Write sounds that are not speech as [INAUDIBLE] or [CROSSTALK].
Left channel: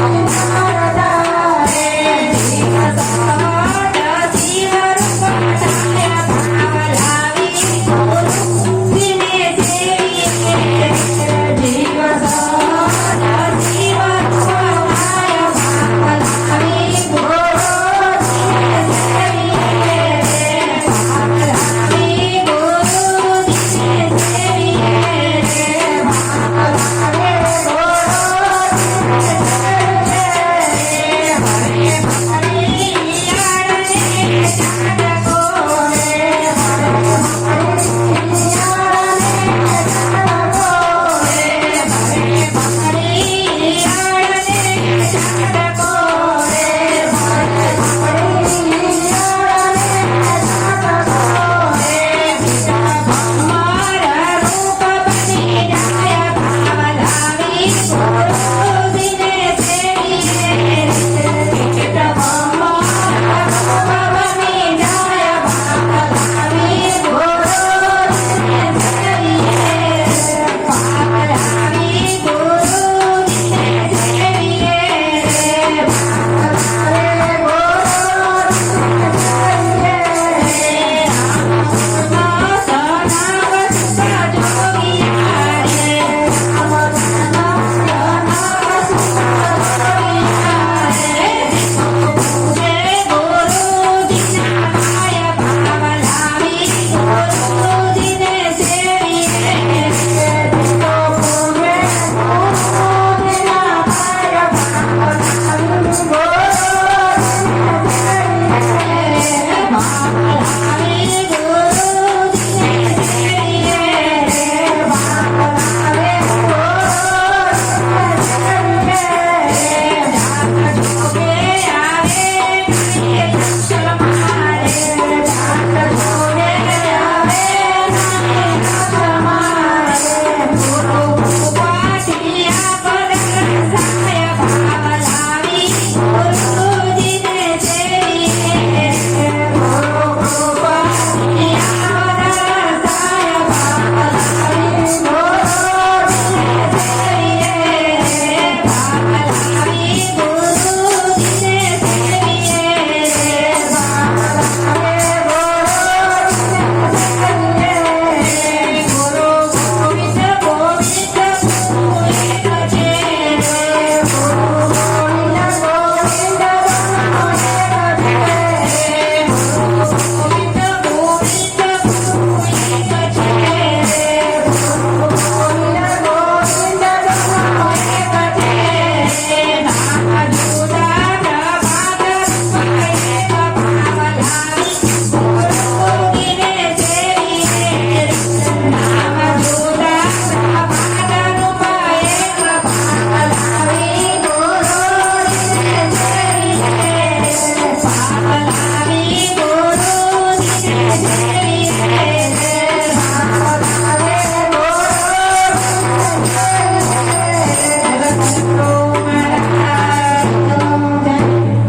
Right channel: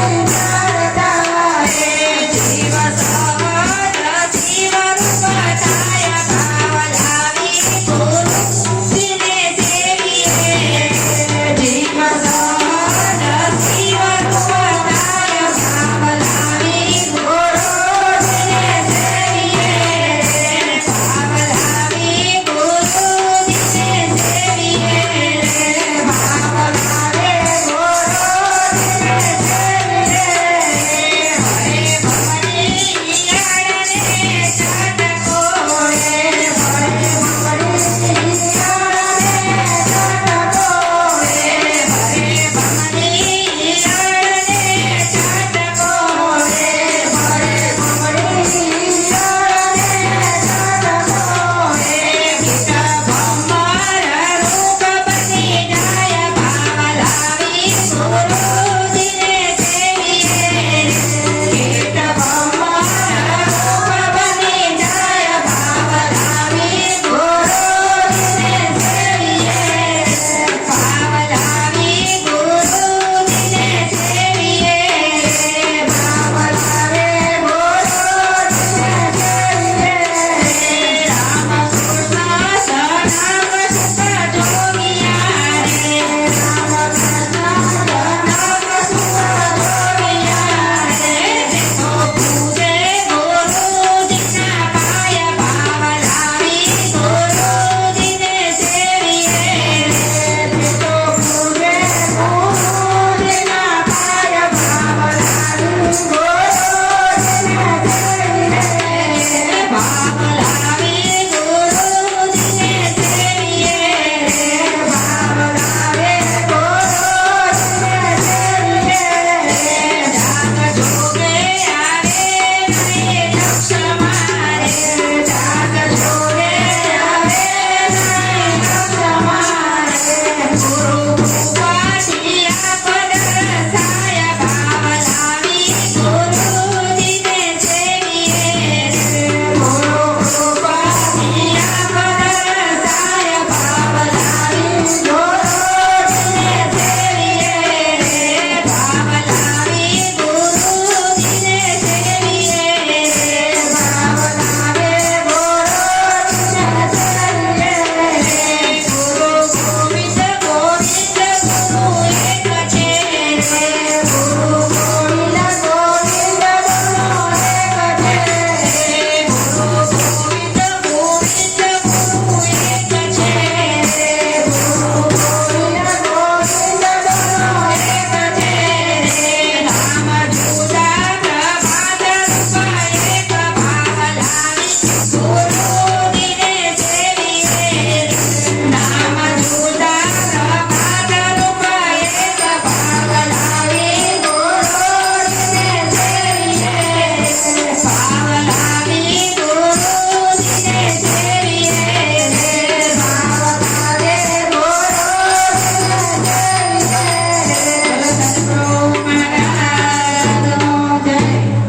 Thank [LAUGHS] you.